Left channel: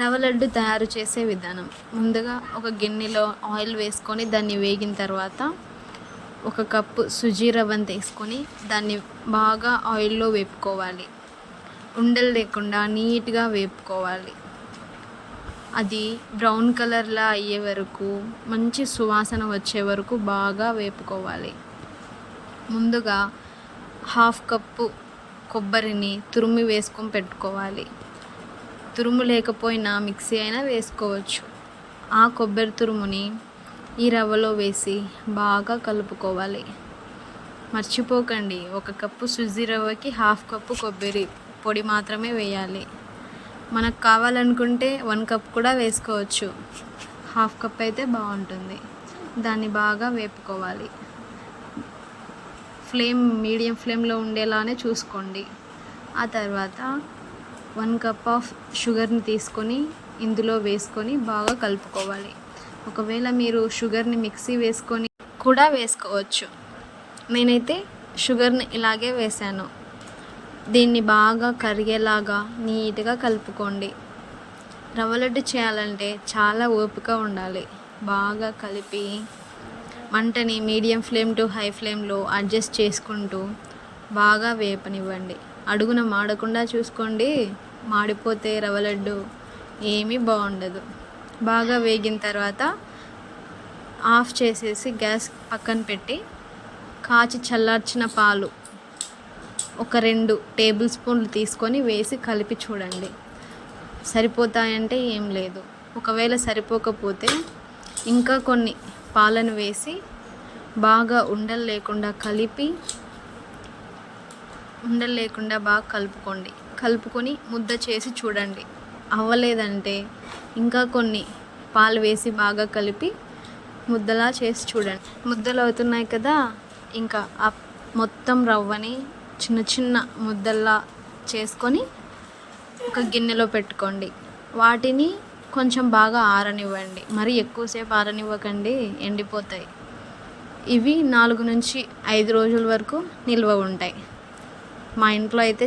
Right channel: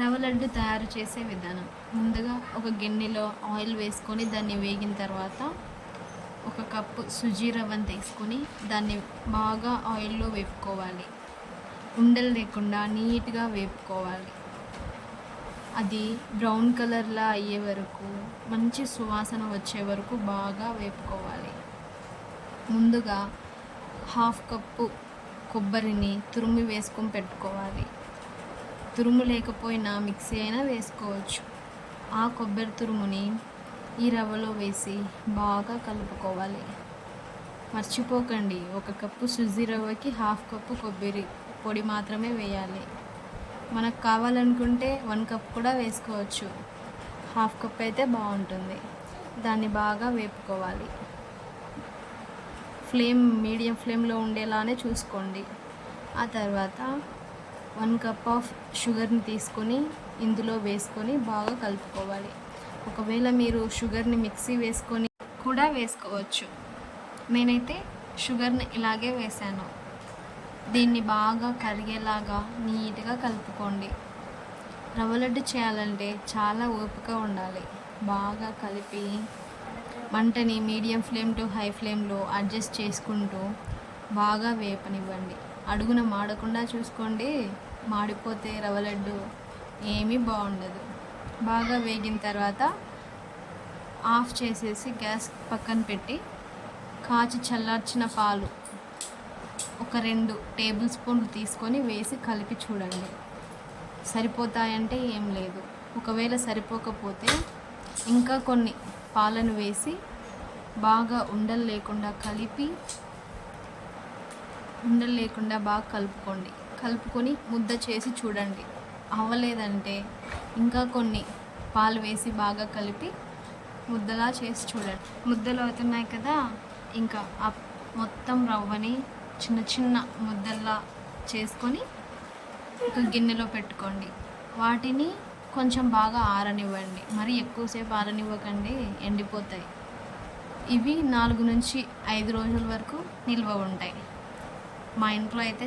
రవ్వ లడ్డు తయారు చేసే విధానం. ముందుగా ఒక గిన్నెలో ఆయిల్ వేసుకొని దాన్ని వేగిన తర్వాత ఒక కప్పు సుజీ రవ్వను తీసుకొని దాన్ని బాగా ఆయిల్లో వేపుకోవాలి. ఉండలు లేకుండా నీట్గా వేపుకోవాలి. అది బ్రౌన్ కలర్లా అయ్యే వరకు, మంచి సువాసన వచ్చే వరకు బాగా వేపుకోవాలి. ముందుగా హాఫ్ కప్పు కొబ్బరిని తురిమి వేసుకొని పెట్టుకోవాలి. తురుము లేకపోయినా మిక్సీ అయినా వేసుకోవచ్చు. ఆ కొబ్బరి తురుముని ఈ రవ్వలో వేసి బాగా కలుపుకోవాలి. మర్చిపోకండి, ఒక కప్పు సుజీ రవ్వకి హాఫ్ కప్పు కొబ్బరి పొడి మాత్రమే వేయాలి. మనకు కావాలనుకుంటే 1 కప్ కూడా వేసుకోవచ్చు. హాఫ్ కప్ అయితే బాగుంటుంది. దాన్ని బాగా వేపుకోవాలి. మీడియం ఫ్లేమ్లో ఉండేలానే చూసుకోండి. ఆ తర్వాత 1 కప్ ఆఫ్ షుగర్ని తీసుకొని ఇందులో వేసుకొని బాగా కలుపుకోవాలి. ఒకవేళ మీరు షుగర్ని మిక్సీ వేసుకొని కూడా వేసుకోవచ్చు. నేనైతే షుగర్ని ఇలాగే వేసాను. దీన్ని బాగా కరిగేలాగా నీట్గా కలుపుకోండి. రవ్వ లడ్డు చేయాలంటే చాలా ఓపిక ఉండాలి. బాగా కలిపి మంటని మీడియం ఫ్లేమ్ టు హై ఫ్లేమ్లో అడ్జస్ట్ చేసుకుంటూ బాగా వేపనివ్వండి. అడుగున మాడకుండా చూసుకోండి. మాడిపోతే రవ్వ లడ్డు ఏమీ బాగుండదు. బాగా వేగిన తర్వాత ఆఫ్ చేసేసి గ్యాస్ పక్కన పెట్టి కాచి చల్లార్చిన పాలు ఒక 2 టేబుల్ స్పూన్లు తీసుకొని వేసి కలిపి చూడండి. సరిపోతాయంటే ఏం లేదు. ఒకవేళ సరిపోకపోతే ఇంకా కొన్ని పాలను వేసి బాగా ఉండలు లేకుండా బాగా కలుపుకొని ముద్ద చేసి చూడండి. అవ్వలేదంటే ఇంకా కొన్ని పాలు వేసి బాగా కలిపి ముద్దలా చేసి చూడండి. ముద్దలు అవుతున్నాయి కదా, ఇంకా మొత్తం రవ్వని చిన్న చిన్న ముద్దల్లా చేసుకొని ఒక గిన్నెలో పెట్టుకోండి. వాటిని కొంచెం బాగా ఆరనివ్వండి. మరి ఎక్కువసేపు ఆరనివ్వకండి, ఎండిపోతాయి. ఇవి 4 నుంచి 5 రోజుల వరకు నిల్వ ఉంటాయి. మా ఇంట్లో అయితే